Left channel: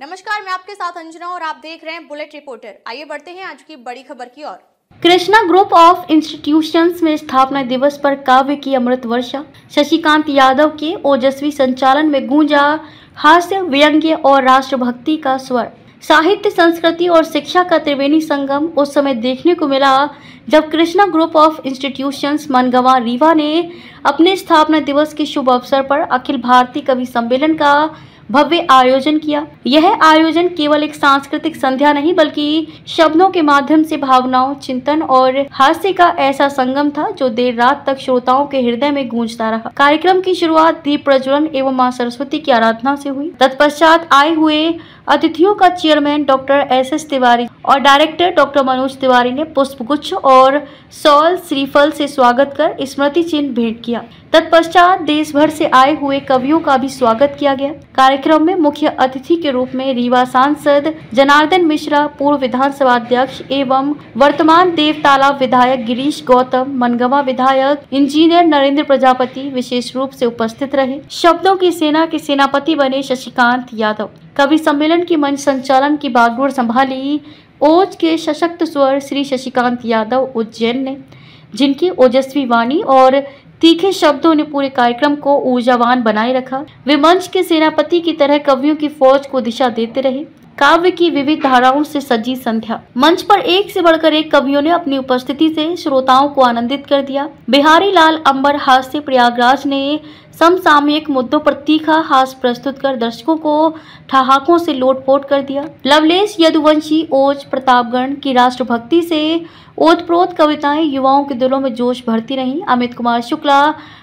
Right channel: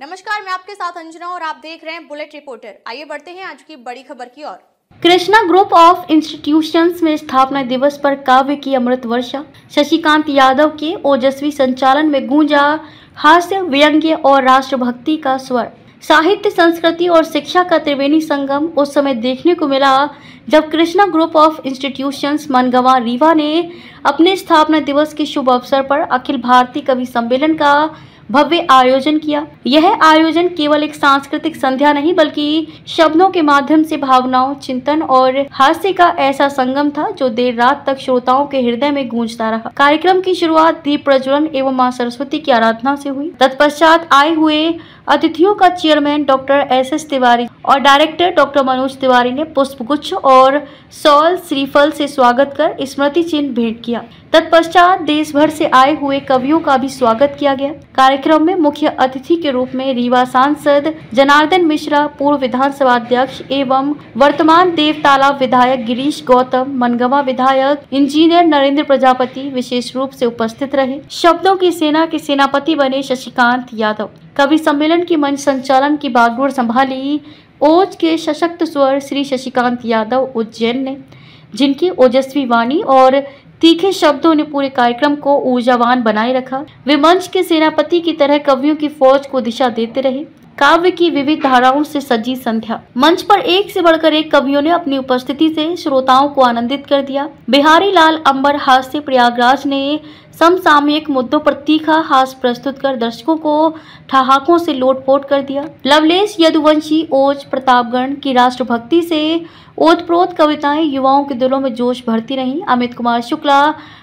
नमस्कार, मैं आपके साथ अंजना और आप देख रहे हैं बुलेट रिपोर्टर। आइए बढ़ते हैं आज की बड़ी खबर की ओर। कृष्णा ग्रुप ऑफ इंस्टीट्यूशंस में स्थापना दिवस पर काव्य की अमृत वर्षा। शशिकांत यादव के ओजस्वी संचालन में गूंजा हास्य, व्यंग्य और राष्ट्रभक्ति का स्वर। साहित्य, संस्कृति और शिक्षा का त्रिवेणी संगम उस समय देखने को मिला जब Krishna group of institutions Mangawan Rewa ने अपने स्थापना दिवस के शुभ अवसर पर अखिल भारतीय कवि सम्मेलन का भव्य आयोजन किया। यह आयोजन केवल एक सांस्कृतिक संध्या नहीं बल्कि शब्दों के माध्यम से भावनाओं, चिंतन और हास्य का ऐसा संगम था जो देर रात तक श्रोताओं के हृदय में गूंजता रहा। कार्यक्रम की शुरुआत दीप प्रज्वलन एवं मां सरस्वती की आराधना से हुई। तत्पश्चात आए हुए अतिथियों का चेयरमैन डॉक्टर एस तिवारी और डायरेक्टर डॉक्टर मनोज तिवारी ने पुष्पगुच्छ और सॉल श्रीफल से स्वागत कर स्मृति चिन्ह भेंट किया। तत्पश्चात देश भर से आए हुए कवियों का भी स्वागत किया गया। कार्यक्रम में मुख्य अतिथि के रूप में रीवा सांसद जनार्दन मिश्रा, पूर्व विधानसभा अध्यक्ष एवं वर्तमान देव तालाब विधायक गिरीश गौतम, मनगवा विधायक इंजीनियर नरेंद्र प्रजापति विशेष रूप से उपस्थित रहे। शब्दों की सेना के सेनापति बने शशिकांत यादव। कवि सम्मेलन की मंच संचालन की बागडोर संभाली ओज के सशक्त स्वर श्री शशिकांत यादव उज्जैन ने, जिनकी ओजस्वी वाणी और तीखे शब्दों ने पूरे कार्यक्रम को ऊर्जावान बनाए रखा। वे मंच के सेनापति की तरह कवियों की फौज को दिशा देते रहे। काव्य की विविध धाराओं से सजी संध्या। मंच पर एक से बढ़कर एक कवियों ने अपनी उपस्थिति से श्रोताओं को आनंदित कर दिया। बिहारी लाल अंबर हास्य प्रयागराज ने समसामयिक मुद्दों पर तीखा हास्य प्रस्तुत कर दर्शकों को ठहाकों से लोटपोट कर दिया। लवलेश यदुवंशी ओज प्रतापगढ़ की राष्ट्रभक्ति से ओतप्रोत कविताएं युवाओं के दिलों में जोश भरती रहीं। अमित कुमार शुक्ला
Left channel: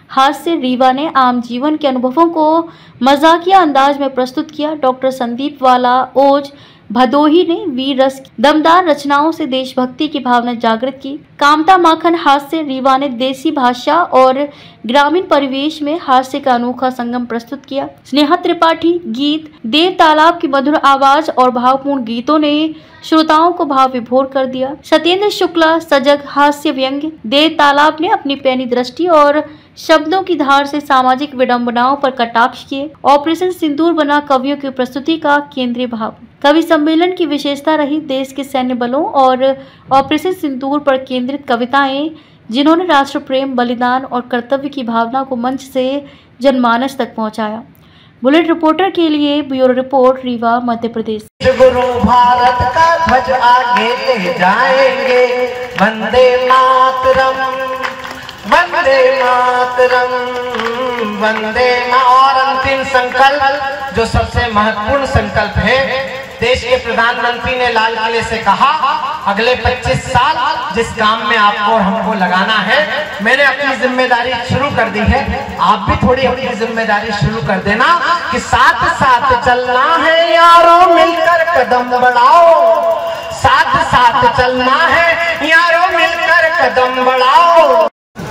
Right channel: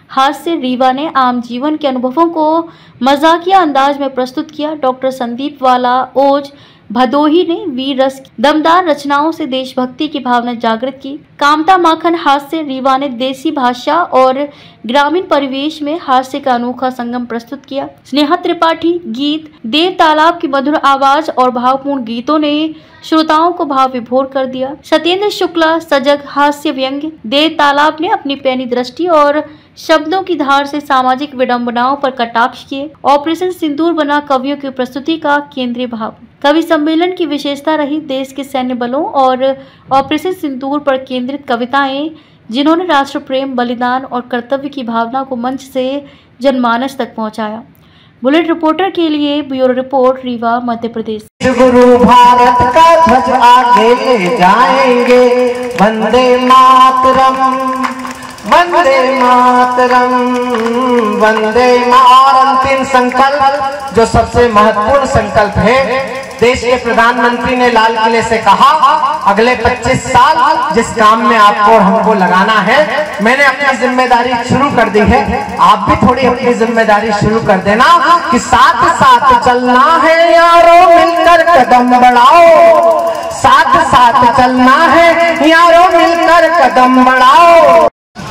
हास्य रीवा ने आम जीवन के अनुभवों को मजाकिया अंदाज में प्रस्तुत किया। डॉक्टर संदीप वाला ओज भदोही ने वीर रस दमदार रचनाओं से देशभक्ति की भावना जागृत की। कामता माखन हास्य रीवा ने देसी भाषा और ग्रामीण परिवेश में हास्य का अनोखा संगम प्रस्तुत किया। स्नेहा त्रिपाठी गीत, देव तालाब की मधुर आवाज और भावपूर्ण गीतों ने श्रोताओं को भाव विभोर कर दिया। सत्येंद्र शुक्ला सजग हास्य व्यंग्य। देव तालाब ने अपनी पैनी दृष्टि और शब्दों की धार से सामाजिक विडंबनाओं पर कटाक्ष किए। ऑपरेशन सिंदूर बना कवियों की प्रस्तुति का केंद्रीय भाव। कवि सम्मेलन की विशेषता रही देश के सैन्य बलों और ऑपरेशन सिंदूर पर केंद्रित कविताएं, जिन्होंने राष्ट्र प्रेम, बलिदान और कर्तव्य की भावना को मंच से जनमानस तक पहुंचाया। बुलेट रिपोर्टर के लिए ब्यूरो रिपोर्ट, रीवा, मध्य प्रदेश। गुरु भारत का ध्वज आगे ले जाएंगे, वंदे मातरम, वंदे मातरम, वंदे मातरम। अंतिम संकल्प जो सबसे महत्वपूर्ण संकल्प है, देश के प्रधानमंत्री ने लाल किले से कहा अगले 25 साल जिस काम में आपको और हमको लगाना है, मैंने अपनी जिम्मेदारी शुरू कर दी है। आप भी थोड़ी अपनी जिम्मेदारी शुरू कर देना कि साथ साथ चलना है यारों, मिलकर कदम बढ़ाओ। साथ साथ चलना है यारों, मिलकर कदम बढ़ाओ।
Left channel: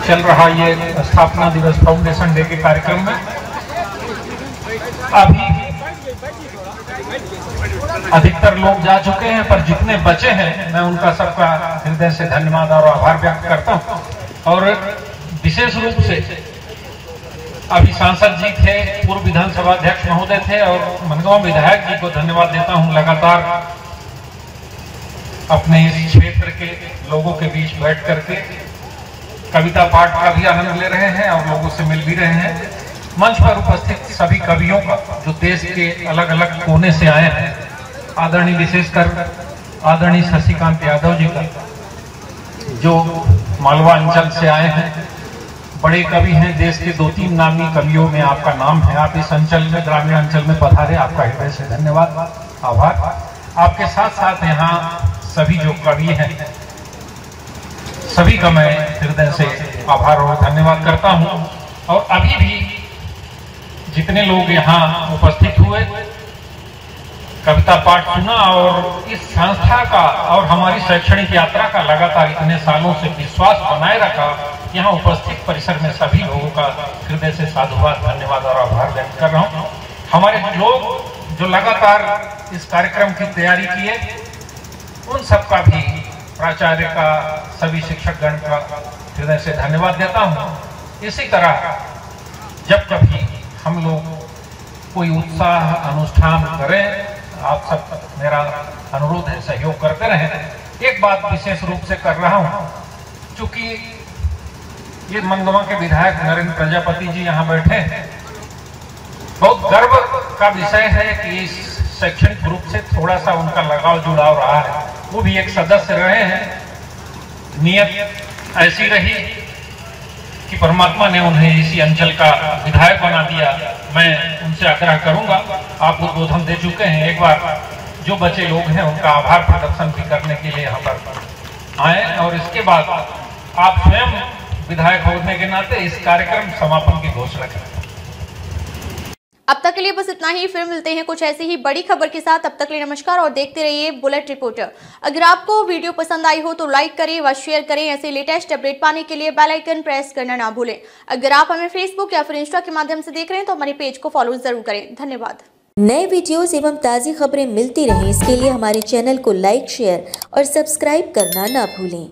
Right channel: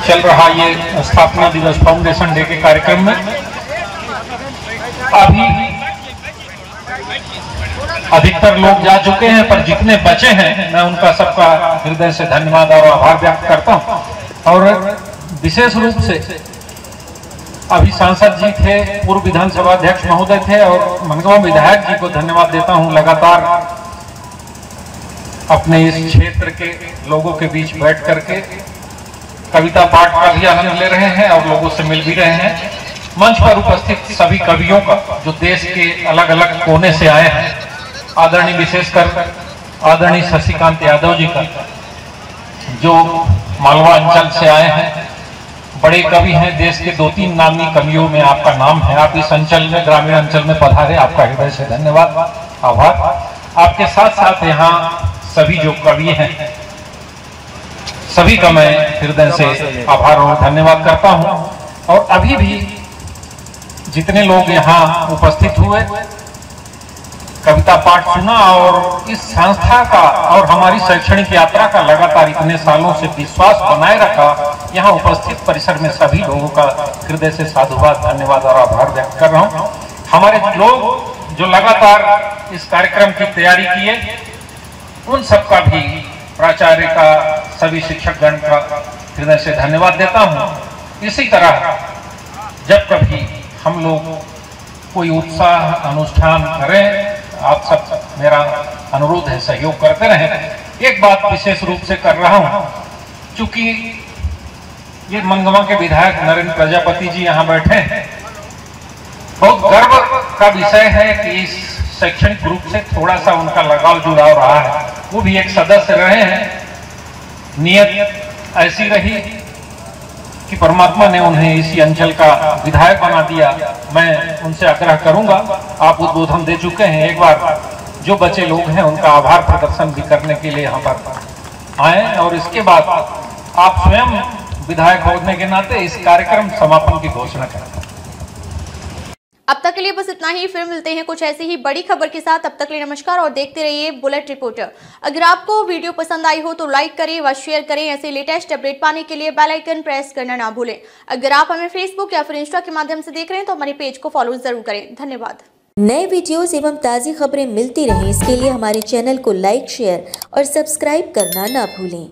चल रहा ये स्थापना दिवस फाउंडेशन डे के कार्यक्रम में अभी अधिकतर लोग जा चुके हैं, पर जितने बचे हैं मैं उनका सबका हृदय से धन्यवाद और आभार व्यक्त करता हूं। और विशेष रूप से अभी सांसद जी थे, पूर्व विधानसभा अध्यक्ष महोदय थे और मनगवा विधायक जी को धन्यवाद देता हूं। लगातार अपने इस क्षेत्र के लोगों के बीच बैठ करके कविता पाठ का भी आनंद ले रहे हैं और लोगों से मिल भी रहे हैं। मंच पर उपस्थित सभी कवियों का जो देश के अलग अलग कोने से आए हैं, आदरणीय विशेषकर आदरणीय शशिकांत यादव जी का जो मालवा अंचल से आए हैं, बड़े कवि हैं, देश के 2-3 नामी कवियों में आपका नाम है। आप इस अंचल में, ग्रामीण अंचल में पधारे, आपका हृदय से धन्यवाद, आभार। आपके साथ साथ यहाँ सभी जो कवि हैं सभी का मैं हृदय से आभार और धन्यवाद करता हूँ। और अभी भी जितने लोग यहाँ उपस्थित हुए, कविता पाठ सुना और इस संस्था का और हमारी शैक्षणिक यात्रा का लगातार इतने सालों से विश्वास बनाए रखा, यहाँ उपस्थित परिसर में सभी लोगों का हृदय से साधुवाद, धन्यवाद और आभार व्यक्त कर रहा हूँ। हमारे लोग जो लगातार इस कार्यक्रम की तैयारी किए, उन सबका भी, प्राचार्य का, सभी शिक्षकगण का हृदय से धन्यवाद देता हूँ। इसी तरह जब कभी हम लोग कोई उत्साह अनुष्ठान करें आप सब मेरा अनुरोध है सहयोग करते रहें। एक बात विशेष रूप से कर रहा हूं, चूंकि ये मनगवा के विधायक नरेंद्र प्रजापति जी यहाँ बैठे हैं, बहुत गर्व का विषय है कि इस शैक्षणिक ग्रुप से थोड़ा सा उनका लगाव जुड़ाव रहा है। वो भी एक सदस्य रहे हैं। नियत ऐसी रही कि परमात्मा ने उन्हें इसी अंचल का विधायक बना दिया। मैं उनसे आग्रह करूंगा, आप उद्बोधन दे चुके हैं, एक बार जो बचे लोग हैं उनका आभार प्रदर्शन भी करने के लिए यहाँ पर आए और इसके बाद आप स्वयं विधायक होने के नाते इस कार्यक्रम समापन की घोषणा करें। अब तक के लिए बस इतना ही। फिर मिलते हैं कुछ ऐसी ही बड़ी खबर के साथ। अब तक के लिए नमस्कार और देखते रहिए बुलेट रिपोर्टर। अगर आपको वीडियो पसंद आई हो तो लाइक करें व शेयर करें। ऐसे लेटेस्ट अपडेट पाने के लिए बेल आइकन प्रेस करना ना भूलें। अगर आप हमें फेसबुक या फिर इंस्टा के माध्यम से देख रहे हैं तो हमारे पेज को फॉलो जरूर करें। धन्यवाद। नए वीडियोस एवं ताज़ी खबरें मिलती रहें, इसके लिए हमारे चैनल को लाइक, शेयर और सब्सक्राइब करना ना भूलें।